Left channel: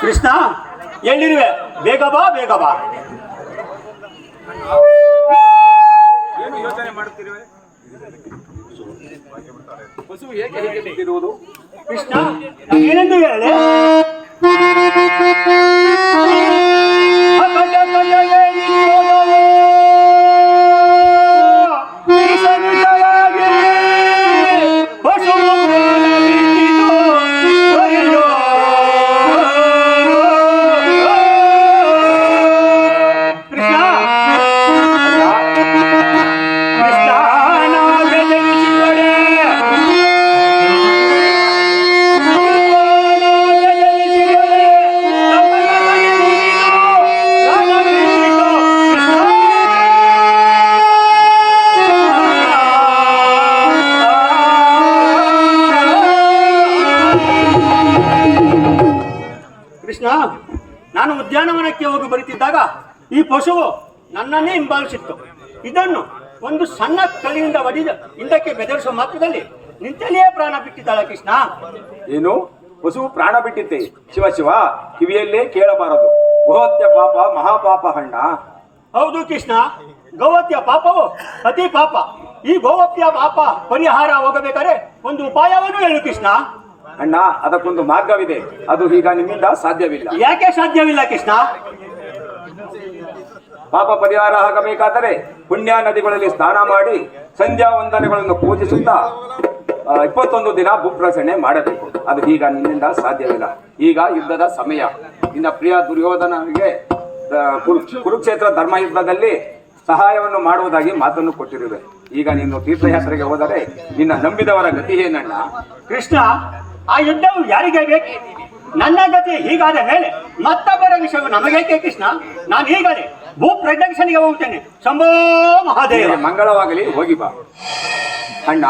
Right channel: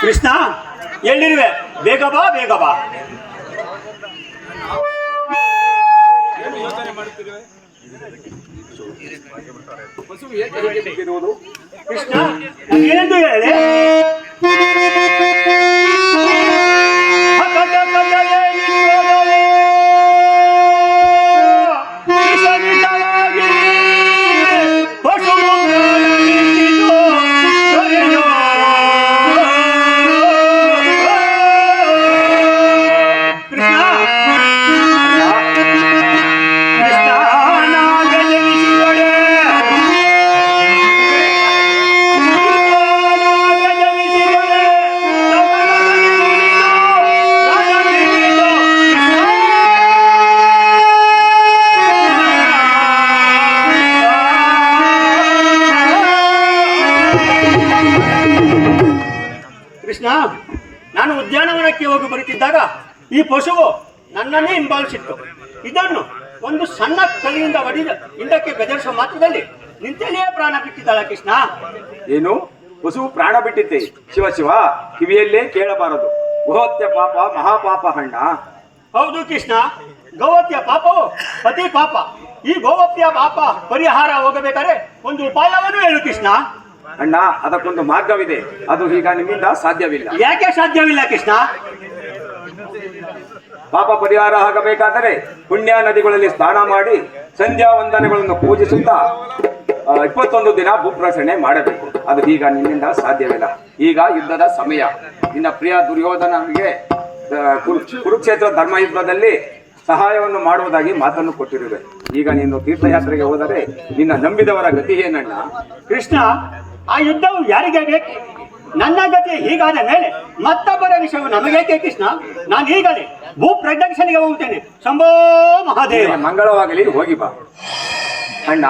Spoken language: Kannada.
ಕೃಷ್ಣ ಎಲ್ಲಿರುವೆ? ಬೇಗ ಬಾ, ಬೇಗ ಬಾ. ಏನು ಯೋಚನೆ ಮಾಡುತ್ತಿರುವೆ? ಪಶು ಏಕೆ ಹೀಗೆ ಬಿದ್ದಿರುವುದು? ಕೃಷ್ಣ ಏನೆಂದು ಹೇಳಿ? ಕೃಷ್ಣ, ನಾನು ಉದ್ಯಾನವನಕ್ಕೆ ಹೋಗಿ ಬರುತ್ತಿದ್ದಾಗ ಈ ಪಶುವು ನನ್ನನ್ನೇ ಹಿಂಬಾಲಿಸಿತ್ತು. ಇದನ್ನು ಒಂದು ಸಣ್ಣ ಕಲ್ಲಿನಿಂದ ಹೊಡೆದ ಹಿಂದಕ್ಕೆ ಬೆದರಿಸುವ ಮಾತ್ರದಲ್ಲಿ ನಿಂತಲ್ಲಿಯೇ ಪ್ರಾಣ ಬಿಟ್ಟಿದ್ದಾಳ. ಕೃಷ್ಣ, ಏನು ಪಶು ಪ್ರಾಣ ಬಿಟ್ಟಿತ್ತೆ? ಶಿವ ಶಿವ, ಕಿವಿಯಲ್ಲೇ ಕೇಳಬಾರದು. ಗೋಹತ್ಯ ಪಾಪ ಮಹಾಪಾಪ ಹಣ್ಣ. ಹೌದು ಕೃಷ್ಣ, ಗೋಹತ್ಯ ಪಾಪವು ಅತಿ ಪಾಪ. ಈ ಗೋಹತ್ಯ ಪಾಪ ಪರಿಹಾರ ಹೋಗಬೇಕಾದ್ರೆ ಒಂದು ಉಪಾಯವನ್ನು ಹೇಳು ಕೃಷ್ಣ. ಅಣ್ಣ, ಅದಕ್ಕೊಂದು ಮಾರ್ಗವಿದೆ. ಅದು ಈಗ ನಿಮ್ಮಿಂದ ಸಾಧ್ಯವಿಲ್ಲ. ಯಾಕೆ ಸಾಧ್ಯವಿಲ್ಲ ಕೃಷ್ಣ? ಪಾಪ ಪರಿಹಾರ ಆಗಬೇಕಾದರೆ ಪುಣ್ಯ ನದಿಗಳಲ್ಲಿ ಸ್ನಾನ ಮಾಡಿ ಸಂಧ್ಯಾ ವಂದನೆಗಳನ್ನು ಪೂಜಿಸುತ್ತಾ 21 ದಿನ ಭೂಪ್ರಸರಣೆ ಮಾಡಬೇಕು. ಅದು ಈಗ ನಿನ್ನಿಂದ ಸಾಧ್ಯವಿಲ್ಲ. ಈಗ ಯುದ್ಧದ ಸಮಯ. ನಿನ್ನ ಪ್ರಿಯ ದುರ್ಯೋಧನನಿಗೆ ಕುರುಕ್ಷೇತ್ರ ಧರ್ಮಯುದ್ಧದಲ್ಲಿ ಸಹಾಯವನ್ನು ಮಾಡುವುದಾಗಿ ಮಾತನ್ನು ಕೊಟ್ಟಿರುವೆ. ಈಗ ನೀನು ತೀರ್ಥಯಾತ್ರೆಗೆ ಹೋದರೆ ನಿನ್ನ ನಂಬಿದವರ ಗತಿ ಏನಣ್ಣ? ಕೃಷ್ಣ, ಆ ಯುದ್ಧವು ಯಾರಿಗೆ ಬೇಕು? ನನ್ನ ಗತಿ ಹೀಗಾದ ಮೇಲೆ ಮತ್ತೊಬ್ಬರ ವಿಷಯವು ನಮಗೇಕೆ ಕೃಷ್ಣ? ನಾನು ಈಗಲೇ ಭೂ ಪ್ರದಕ್ಷಿಣೆಗೆ ಹೋಗ್ತೇನೆ. ಶಂಭೋ ಮಹಾದೇವ. ಮಂಗಳವಾಗಲಿ, ಹೋಗಿ ಬಾ ಅಣ್ಣ.